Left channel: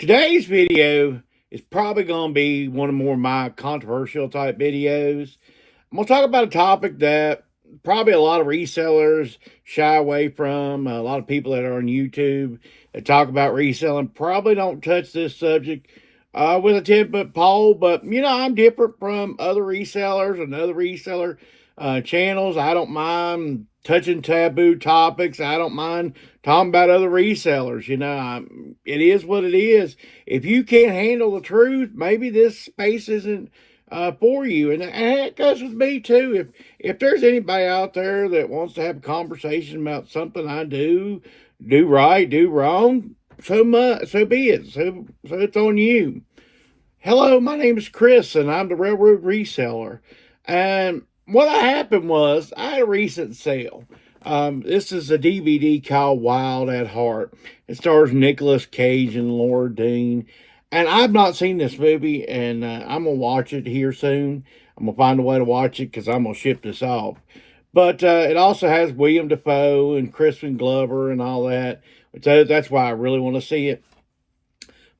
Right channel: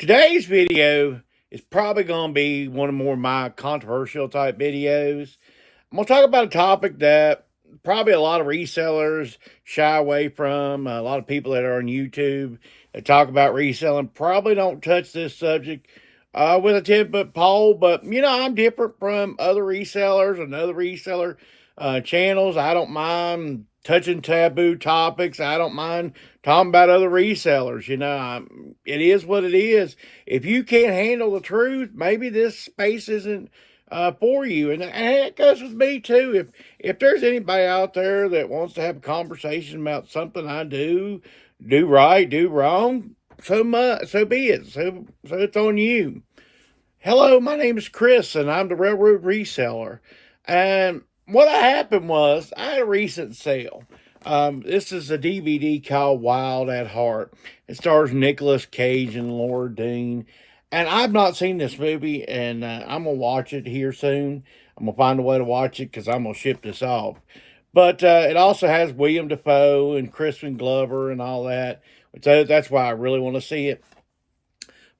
Today's video is probably going to be one of more of my controversial type videos. I'm going to talk about a topic that probably a lot of resellers shy away from. A lot of people that are on YouTube that talk about reselling probably don't touch this subject with a 10-foot pole. But, I'm different from other resellers and other reseller channels. I don't mind touching taboo topics. I don't mind talking about other resellers. It is what it is. If you can't handle the truth, maybe this space isn't for you. And it goes with me too. If there's anybody out there that wants to have a conversation about something I do right, do wrong, so be it. So it's on you. Hello, my name is Chris, and I'm the Railroad Reseller. And what happened was I had a recent sale. This is a DVD called Wild at Heart. It stars Nicolas Cage and Laura Dern. And I've not seen this movie, and I'm going to watch it here soon. I'm going to find a way to watch it because I'm going to ship this off. But it also has William Dafoe and Crispin Glover and all that. So that's why I really want to see it.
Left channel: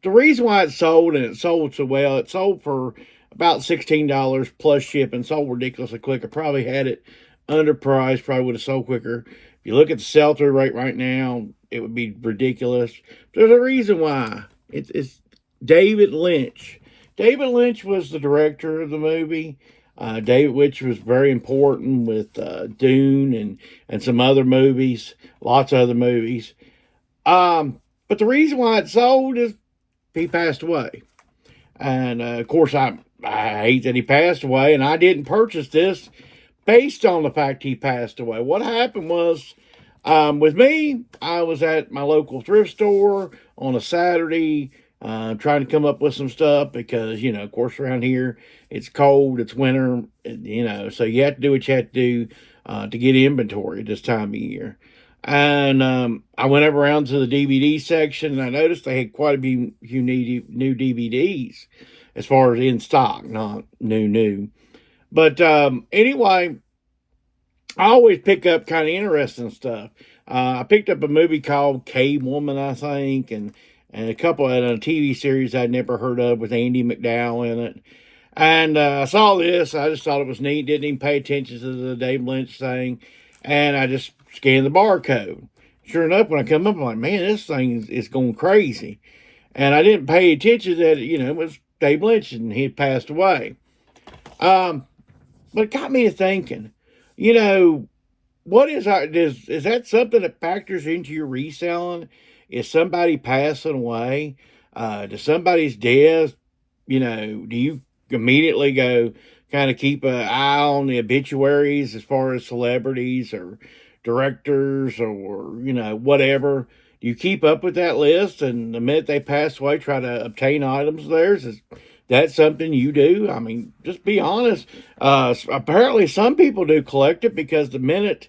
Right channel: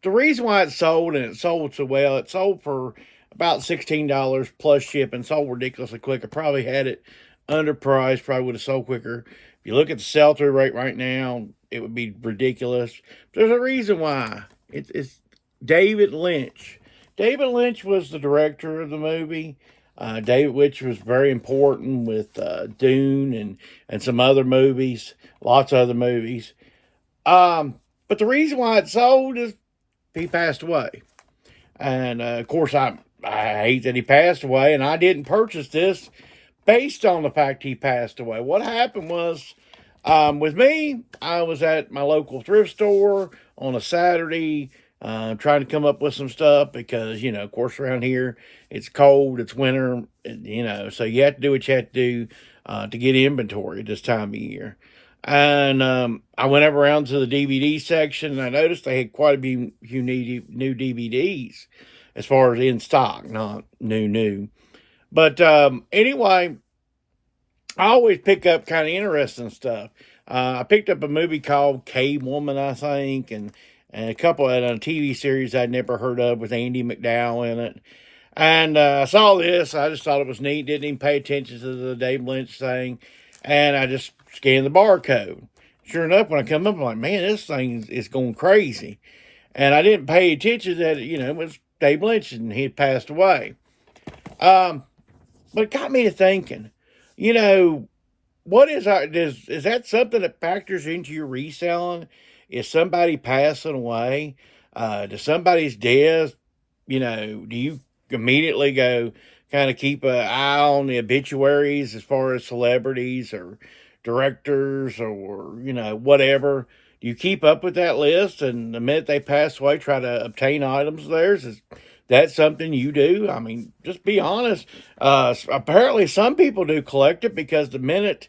The reason why it sold, and it sold so well, it sold for about $16 plus shipping. Sold ridiculously quick. I probably had it underpriced, probably would have sold quicker. If you look at the sell-through rate right now, it would be ridiculous. There's a reason why. It's David Lynch. David Lynch was the director of the movie. David Lynch was very important with Dune and some other movies, lots of other movies. But the reason why it sold is he passed away. And of course, I hate that he passed away, and I didn't purchase this based on the fact he passed away. What happened was, with me, I was at my local thrift store on a Saturday, trying to come up with some stuff because, of course, around here it's cold, it's winter, so you have to do what you have to do to get inventory at this time of year. And I went up around to the DVD section, and I noticed they had quite a few new DVDs as far as in stock, not new. But anyway, I always pick up kind of interesting stuff. I picked up a movie called Cavewoman, I think, and a couple of a TV series I'd never heard of with Andie MacDowell in it. And I saw this. I just thought it was neat. Didn't even pay attention to the Dave Lynch thing. And I just scanned the barcode. Sure enough, when I come up, I'm like, man, this thing is going crazy. And I didn't pay attention that, it was Dave Lynch and he had passed away. But it got me to thinking, what is that something that factors into your reselling? Is somebody passing away? Does somebody's death, do you immediately go kind of keep an eye on the obituaries as far as celebrities or directors or, whatever? Do you keep up with that list? And the minute they pass away, try to obtain items of theirs? Is that something you do? I mean, just be honest. Apparently, some people do collect it because the minute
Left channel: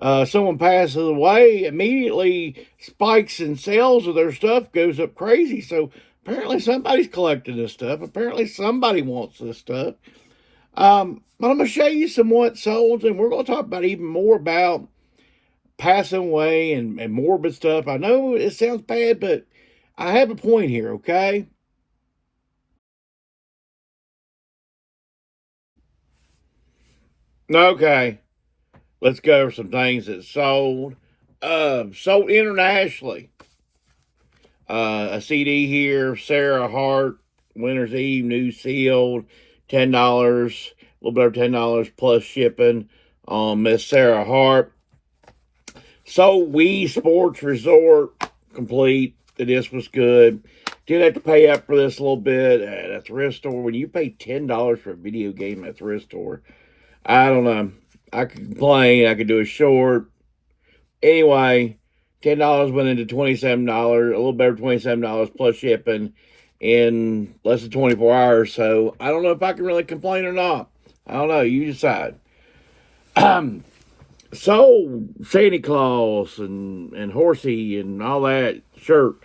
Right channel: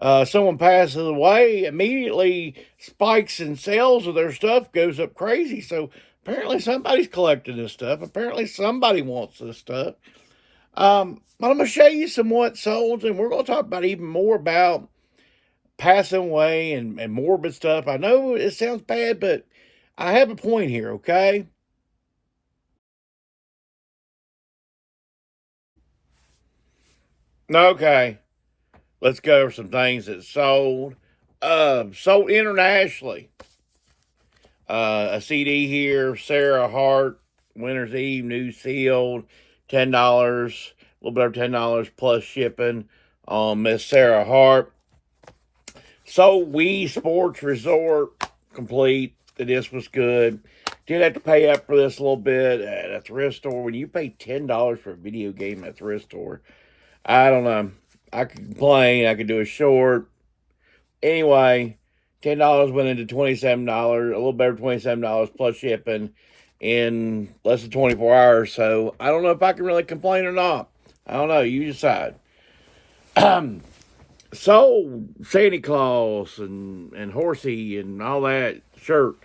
someone passes away, immediately spikes in sales of their stuff goes up crazy. So apparently somebody's collecting this stuff. Apparently somebody wants this stuff. But I'm going to show you some what sold, and we're going to talk about even more about passing away and morbid stuff. I know it sounds bad, but I have a point here, okay? Okay, let's go over some things that sold. Sold internationally. A CD here, Sarah Hart, Winter's Eve, new sealed, $10, a little bit over $10 plus shipping on Miss Sarah Hart. So Wii Sports Resort complete. The disc was good. Did have to pay up for this a little bit at a thrift store. When you pay $10 for a video game at a thrift store, I don't know. I could complain. I could do a short. Anyway, $10 went into $27, a little better $27 plus shipping in less than 24 hours. So I don't know if I can really complain or not. I don't know. You decide. So Santa Claus and Horsey and all that shirt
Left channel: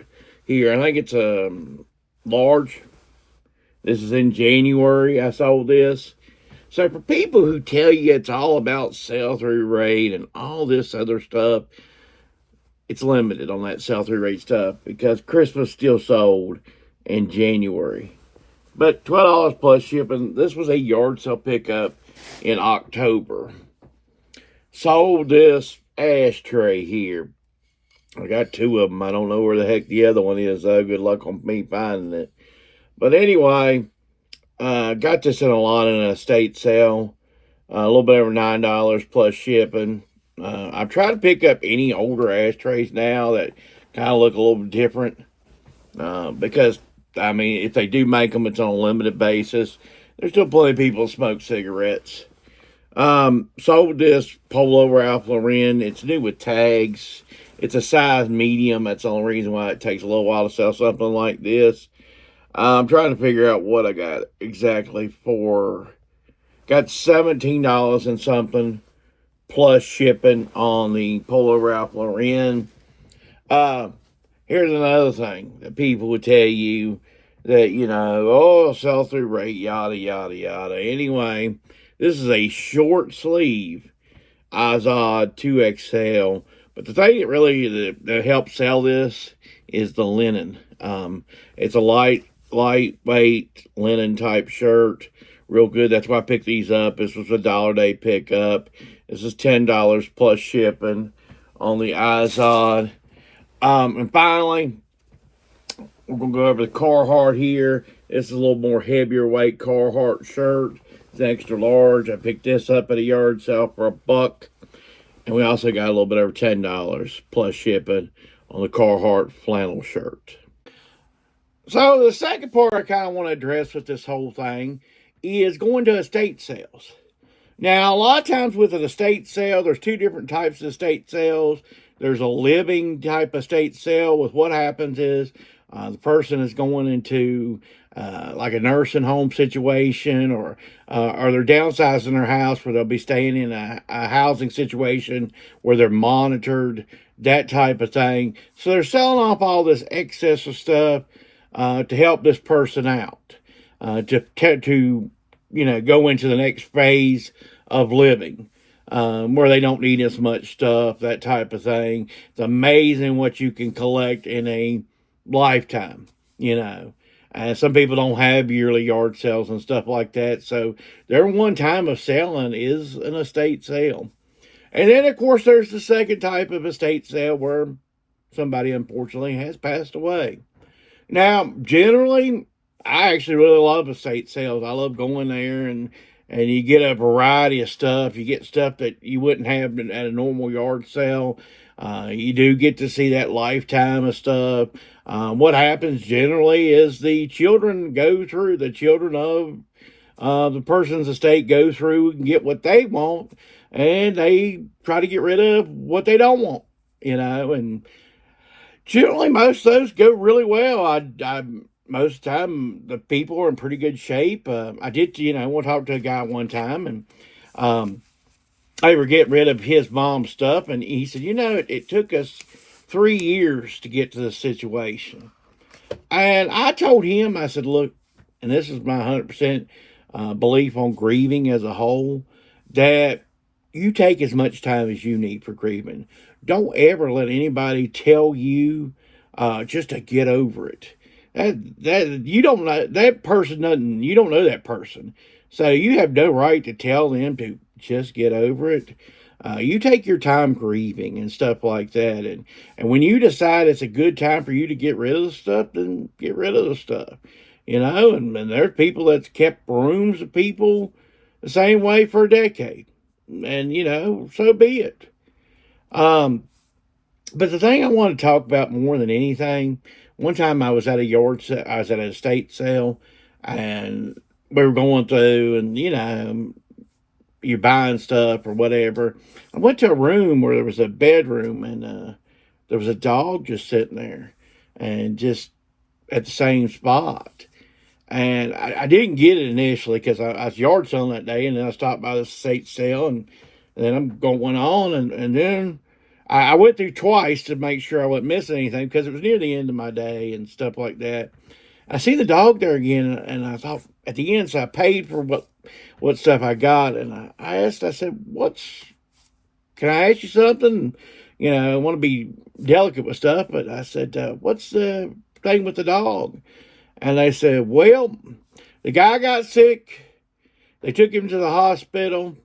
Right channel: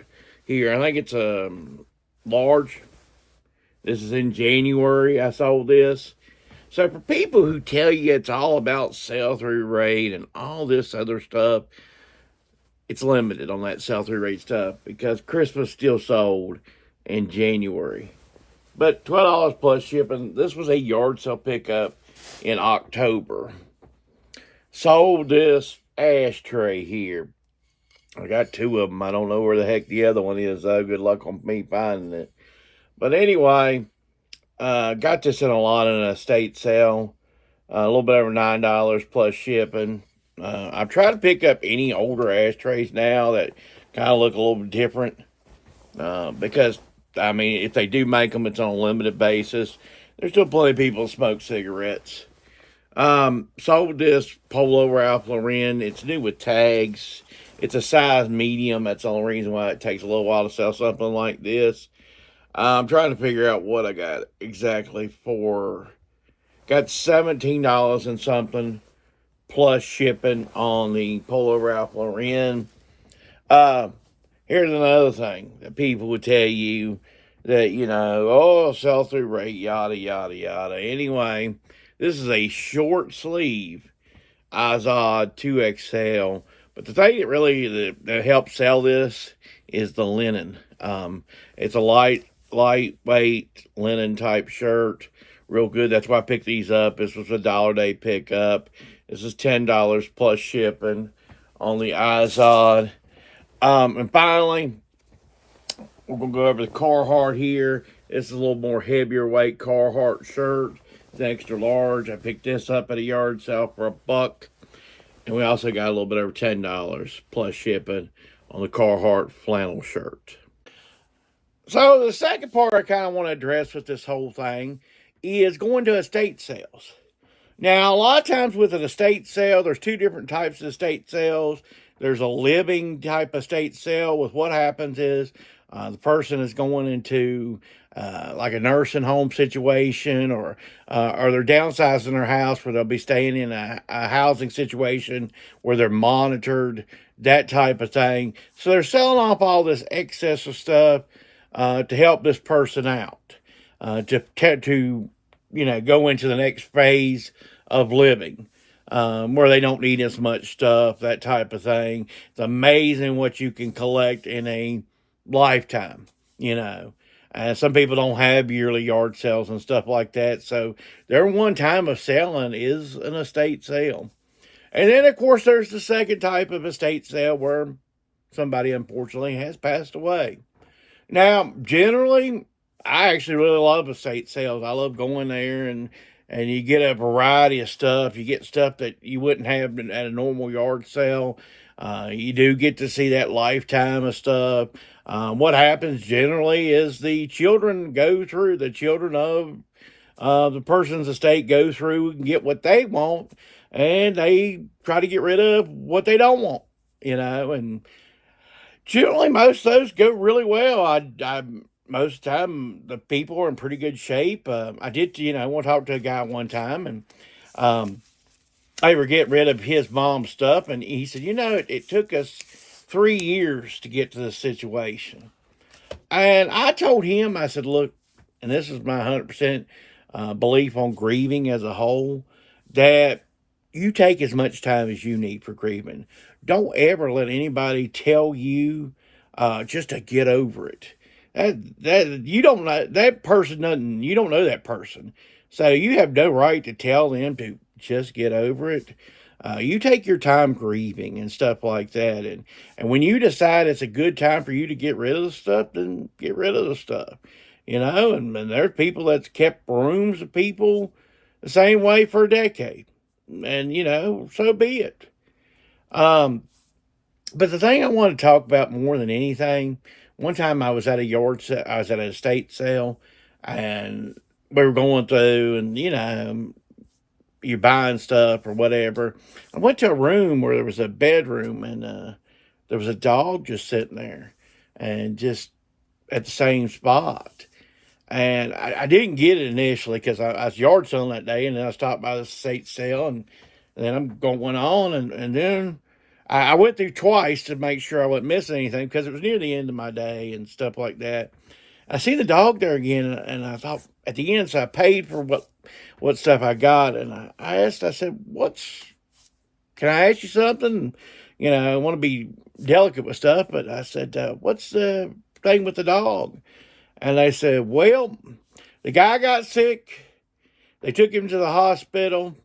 here. I think it's a large. This is in January. I sold this. So for people who tell you it's all about sell-through rate and all this other stuff, it's limited on that sell-through rate stuff because Christmas still sold. in January. But $12 plus shipping. This was a yard sale pickup in October. Sold this ashtray here. I got two of them. I don't know where the heck the other one is, though. Good luck on me finding it. But anyway, got this in a lot in an estate sale. A little bit over $9 plus shipping. I've tried to pick up any older ashtrays now that kind of look a little bit different. Because, I mean, if they do make them, it's on a limited basis. There's still plenty of people that smoke cigarettes. Sold this Polo Ralph Lauren. It's new with tags. It's a size medium. That's the only reason why it takes a little while to sell something like this. I'm trying to figure out what I got exactly for. Got $17 and something plus shipping on the Polo Ralph Lauren. Here's another thing that people would tell you that, oh, sell through rate, yada, yada, yada. Anyway, this is a short sleeve Izod 2XL. But the thing that really that helps sell this is the linen. It's a lightweight linen type shirt. Real good. That's why I picked these up. This was a $1 day pickup. This is $10 plus shipping on the Izod. And finally, we're going to go over the Carhartt here. This is a little more heavier weight Carhartt shirt. It's extra large. I picked this up at a yard sale for $1. And we also got a little bit over $10 plus shipping on the Carhartt flannel shirt. So the second part I kind of want to address with this whole thing is going to estate sales. Now, a lot of times with an estate sale, there's two different types of estate sales. There's a living type estate sale with what happens is the person is going into like a nursing home situation or they're downsizing their house where they'll be staying in a housing situation where they're monitored, that type of thing. So they're selling off all this excess of stuff to help this person out, to go into the next phase of living, where they don't need as much stuff, that type of thing. It's amazing what you can collect in a lifetime, And some people don't have yearly yard sales and stuff like that. So their one time of selling is an estate sale. And then, of course, there's the second type of estate sale where somebody, unfortunately, has passed away. Now, generally, I actually really love estate sales. I love going there and you get a variety of stuff. You get stuff that you wouldn't have at a normal yard sale. You do get to see that lifetime of stuff. What happens generally is the children of the person's estate go through and get what they want, and they try to get rid of what they don't want, and generally most of those go really well. Most of the time, the people are in pretty good shape. I did, want to talk to a guy one time, and they were getting rid of his mom's stuff, and he said, it took us 3 years to get to this situation. And I told him, I said, look, and this is my 100% belief on grieving as a whole, that you take as much time as you need for grieving. Don't ever let anybody tell you just to get over it. That you don't know that person doesn't. You don't know that person, so you have no right to tell them to just get over it. You take your time grieving and stuff like that, and when you decide it's a good time for you to get rid of the stuff, then get rid of the stuff. And there's people that's kept rooms of people the same way for a decade, and so be it. But the thing I want to talk about more than anything, one time I was at I was at an estate sale, and we were going through, and you're buying stuff or whatever. I went to a room where there was a bedroom, and there was a dog just sitting there, and just at the same spot. And I didn't get it initially because I was yard selling that day, and then I stopped by the estate sale, and then I'm going on, and then I went through twice to make sure I wasn't missing anything because it was near the end of my day and stuff like that. I see the dog there again, and I thought at the end, so I paid for what stuff I got, and I asked, I said, can I ask you something? I want to be delicate with stuff, but I said, what's the thing with the dog? And they said, well, the guy got sick. They took him to the hospital,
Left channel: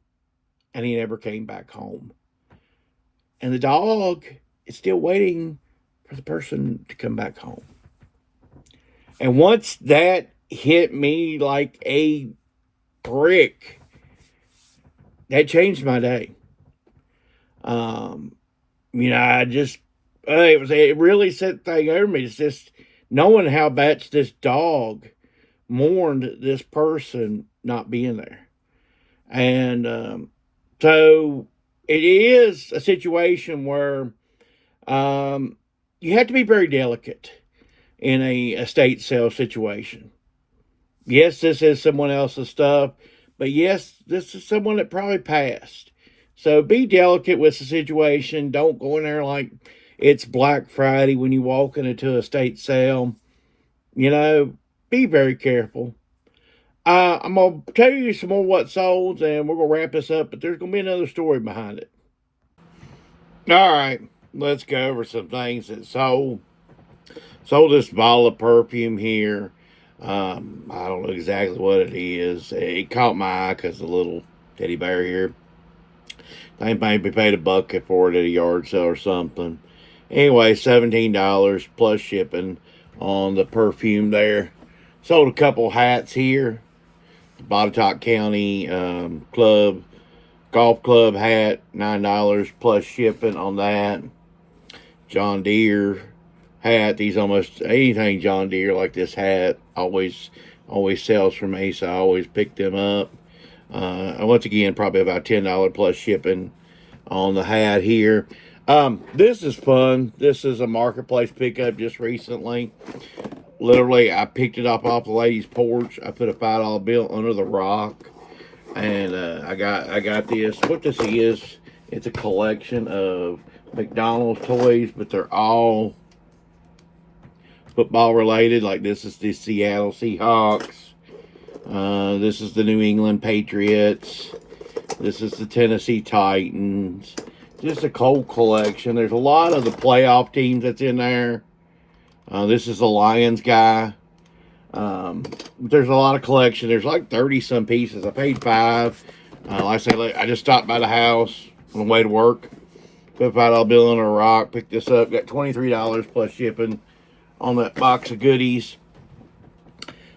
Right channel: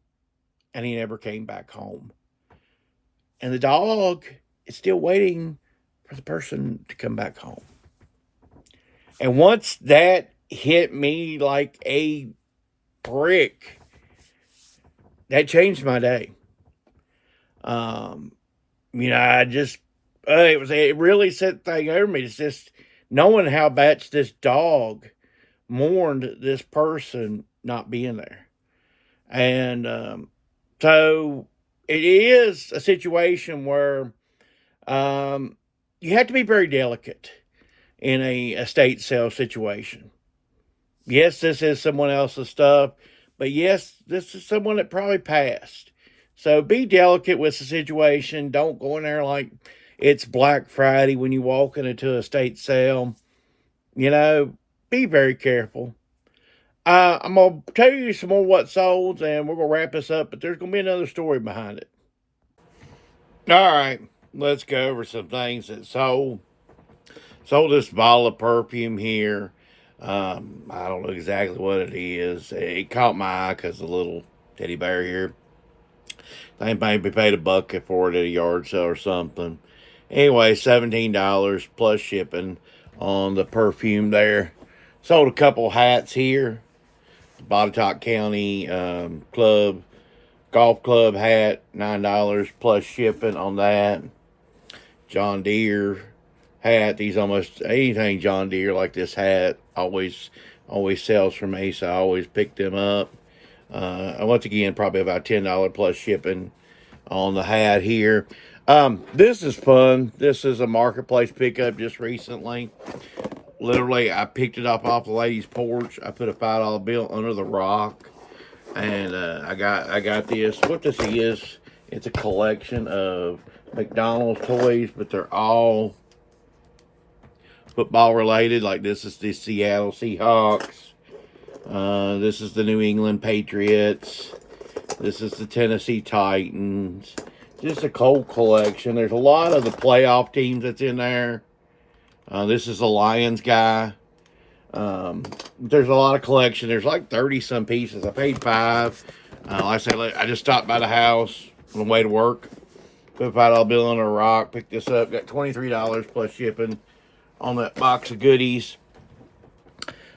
and he never came back home. And the dog is still waiting for the person to come back home. And once that hit me like a brick, that changed my day. I just, it really set the thing over me. It's just knowing how much this dog mourned this person not being there. And so it is a situation where you have to be very delicate in a estate sale situation. Yes, this is someone else's stuff, but yes, this is someone that probably passed. So be delicate with the situation. Don't go in there like it's Black Friday when you walk into a estate sale. Be very careful. I'm going to tell you some more what sold, and we're going to wrap this up, but there's going to be another story behind it. All right, let's go over some things that sold. Sold this bottle of perfume here. I don't know exactly what it is. It caught my eye because the little teddy bear here. They maybe paid $1 for it at a yard sale or something. Anyway, $17 plus shipping on the perfume there. Sold a couple hats here. Botetourt County golf club hat, $9 plus shipping on that. John Deere hat. These almost anything John Deere like this hat always sells for me, so I always pick them up. Once again, probably about $10 plus shipping on the hat here. This is fun. This is a marketplace pickup just recently. Literally, I picked it up off the lady's porch. I put a $5 bill under the rock, and I got this. What this is, it's a collection of McDonald's toys, but they're all football related. Like this is the Seattle Seahawks. This is the New England Patriots. This is the Tennessee Titans. Just a cold collection. There's a lot of the playoff teams that's in there. This is the Lions guy. There's a lot of collection. There's like 30 some pieces. I paid $5. Like I said, I just stopped by the house on the way to work. Put a $5 bill under a rock. Picked this up. Got $23 plus shipping on that box of goodies.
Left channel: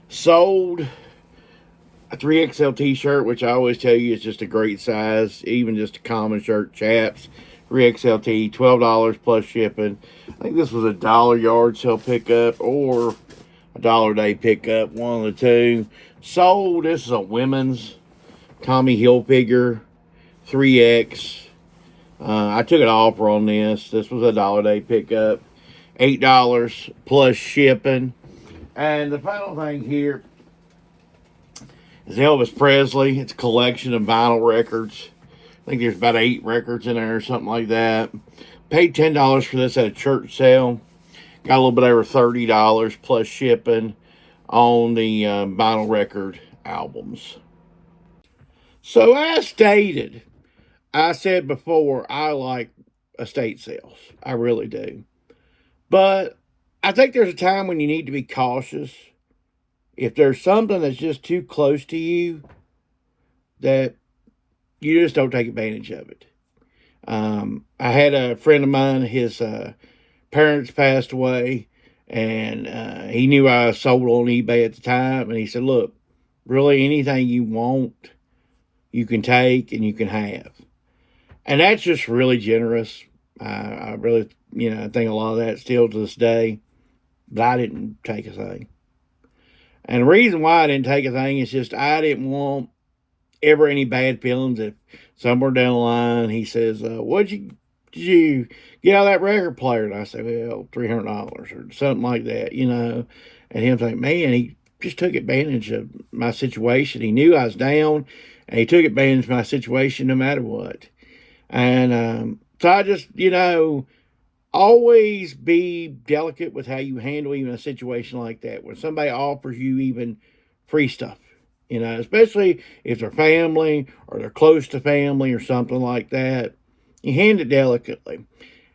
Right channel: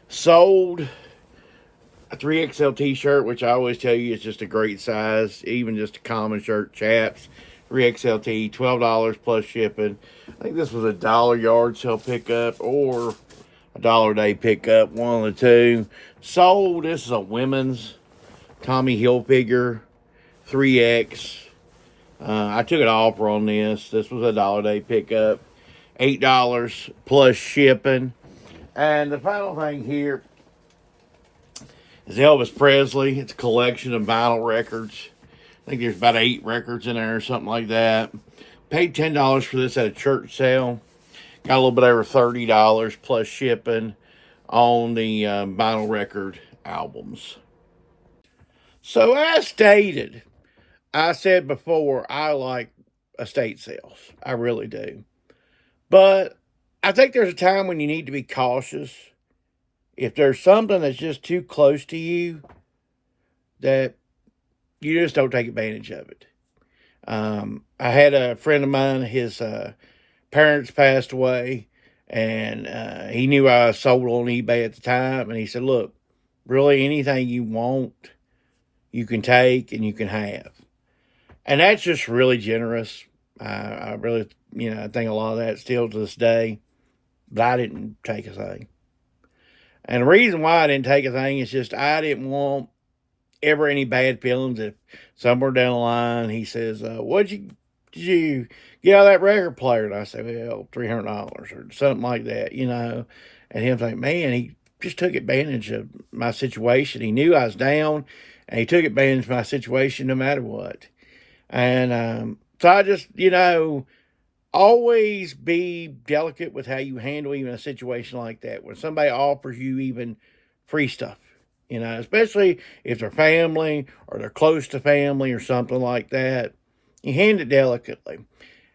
Sold a 3XL t-shirt, which I always tell you is just a great size. Even just a common shirt, chaps. 3XL tee, $12 plus shipping. I think this was a $1 yard sale pickup or a $1 day pickup, one of the two. Sold, this is a women's Tommy Hilfiger 3X. I took an offer on this. This was a $1 day pickup. $8 plus shipping. And the final thing here is Elvis Presley. It's a collection of vinyl records. I think there's about 8 records in there or something like that. Paid $10 for this at a church sale. Got a little bit over $30 plus shipping on the vinyl record albums. So as stated, I said before, I like estate sales. I really do. But I think there's a time when you need to be cautious. If there's something that's just too close to you, that you just don't take advantage of it. I had a friend of mine, his parents passed away, and he knew I sold on eBay at the time, and he said, look, really anything you want, you can take and you can have. And that's just really generous. I really, I think a lot of that still to this day, but I didn't take a thing. And the reason why I didn't take a thing is just I didn't want ever any bad feelings if somewhere down the line he says, did you get out of that record player? And I say, well, $300 or something like that, And him think, man, he just took advantage of my situation. He knew I was down, and he took advantage of my situation no matter what. And so I just, always be delicate with how you handle even a situation like that. When somebody offers you even free stuff, especially if they're family or they're close to family or something like that, you hand it delicately.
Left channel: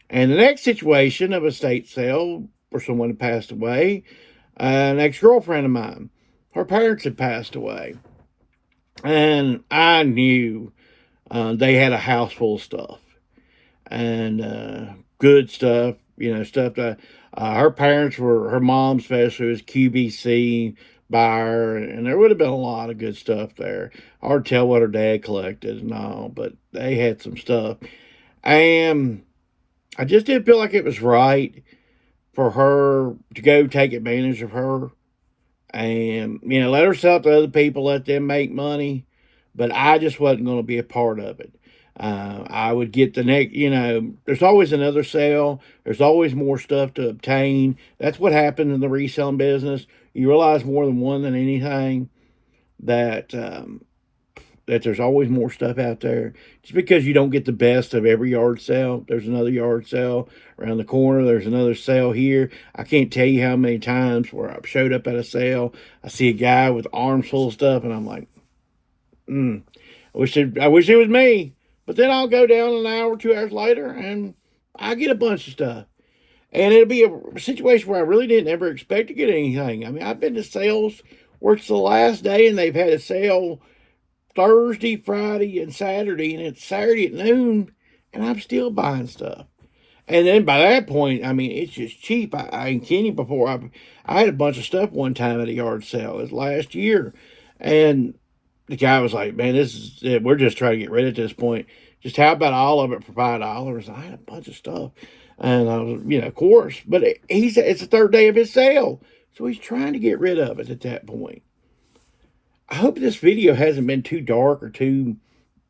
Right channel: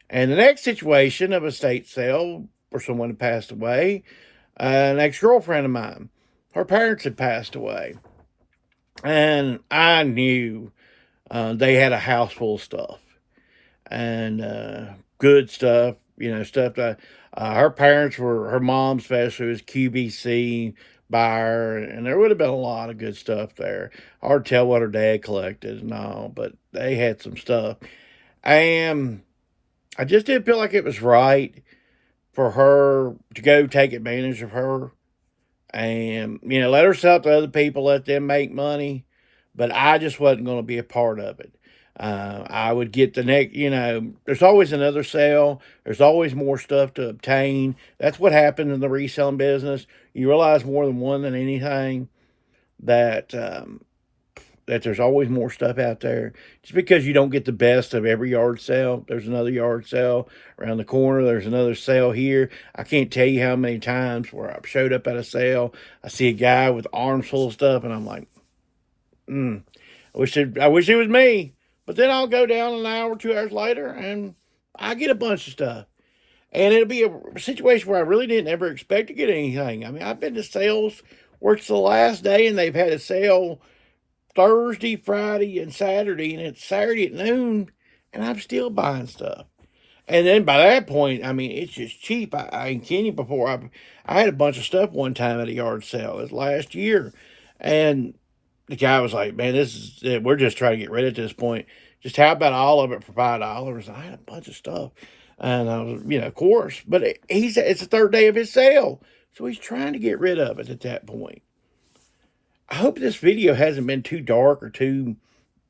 And the next situation of a estate sale for someone who passed away, an ex-girlfriend of mine. Her parents had passed away. And I knew they had a house full of stuff. And good stuff, stuff that her parents were, her mom especially was QVC buyer, and there would have been a lot of good stuff there. Hard to tell what her dad collected and all, but they had some stuff. And I just didn't feel like it was right for her to go take advantage of her and, let her sell to other people, let them make money. But I just wasn't going to be a part of it. I would get the next, there's always another sale. There's always more stuff to obtain. That's what happened in the reselling business. You realize more than one than anything that that there's always more stuff out there. Just because you don't get the best of every yard sale, there's another yard sale around the corner. There's another sale here. I can't tell you how many times where I've showed up at a sale, I see a guy with arms full of stuff, and I'm like, I wish it was me. But then I'll go down an hour, 2 hours later, and I get a bunch of stuff. And it'll be a situation where I really didn't ever expect to get anything. I mean, I've been to sales where it's the last day and they've had a sale Thursday, Friday, and Saturday, and it's Saturday at noon, and I'm still buying stuff. And then by that point, I mean, it's just cheap. I ain't kidding you before. I had a bunch of stuff one time at a yard sale. It was last year. And the guy was like, man, we're just trying to get rid of this point. Just how about all of it for $5? I had a bunch of stuff. And I was, of course. But it's the third day of his sale. So he's trying to get rid of it at that point. I hope this video hasn't been too dark or too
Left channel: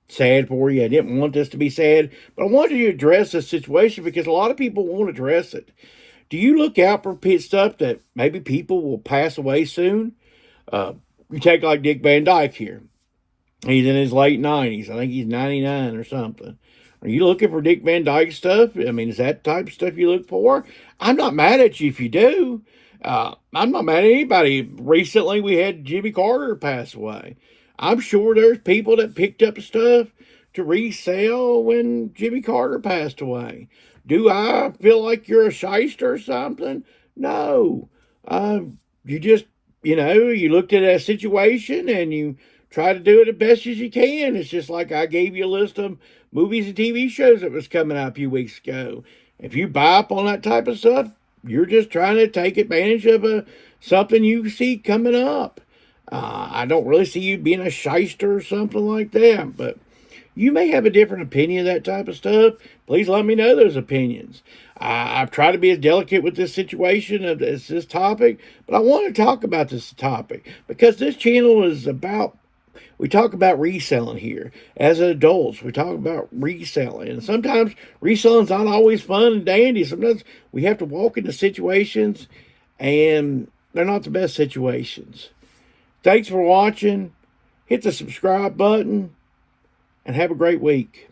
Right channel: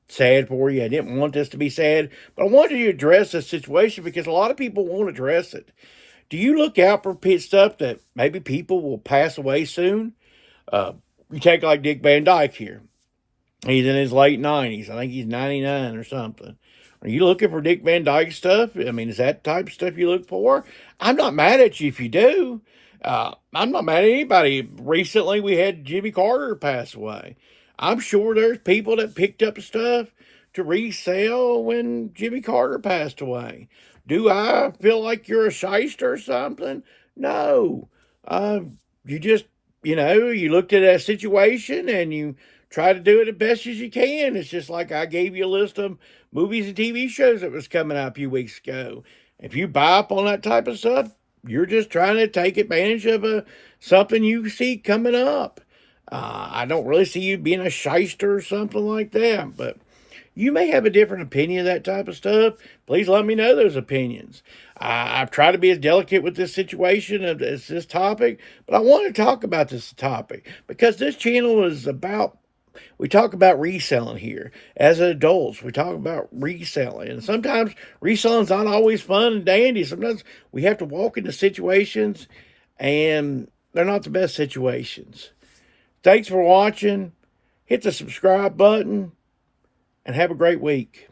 sad for you. I didn't want this to be sad, but I wanted to address this situation because a lot of people won't address it. Do you look out for stuff that maybe people will pass away soon? You take like Dick Van Dyke here. He's in his late 90s. I think he's 99 or something. Are you looking for Dick Van Dyke stuff? I mean, is that the type of stuff you look for? I'm not mad at you if you do. I'm not mad at anybody. Recently, we had Jimmy Carter pass away. I'm sure there's people that picked up stuff to resell when Jimmy Carter passed away. Do I feel like you're a shyster or something? No. You just, you looked at that situation and you try to do it as best as you can. It's just like I gave you a list of movies and TV shows that was coming out a few weeks ago. If you buy up on that type of stuff, you're just trying to take advantage of something you see coming up. I don't really see you being a shyster or something like that, but you may have a different opinion of that type of stuff. Please let me know those opinions. I've tried to be as delicate with this situation as this topic, but I want to talk about this topic because this channel is about, we talk about reselling here. As adults, we talk about reselling. And sometimes reselling's not always fun and dandy. Sometimes we have to walk into situations and they're not the best situations. Thanks for watching. Hit the subscribe button and have a great week.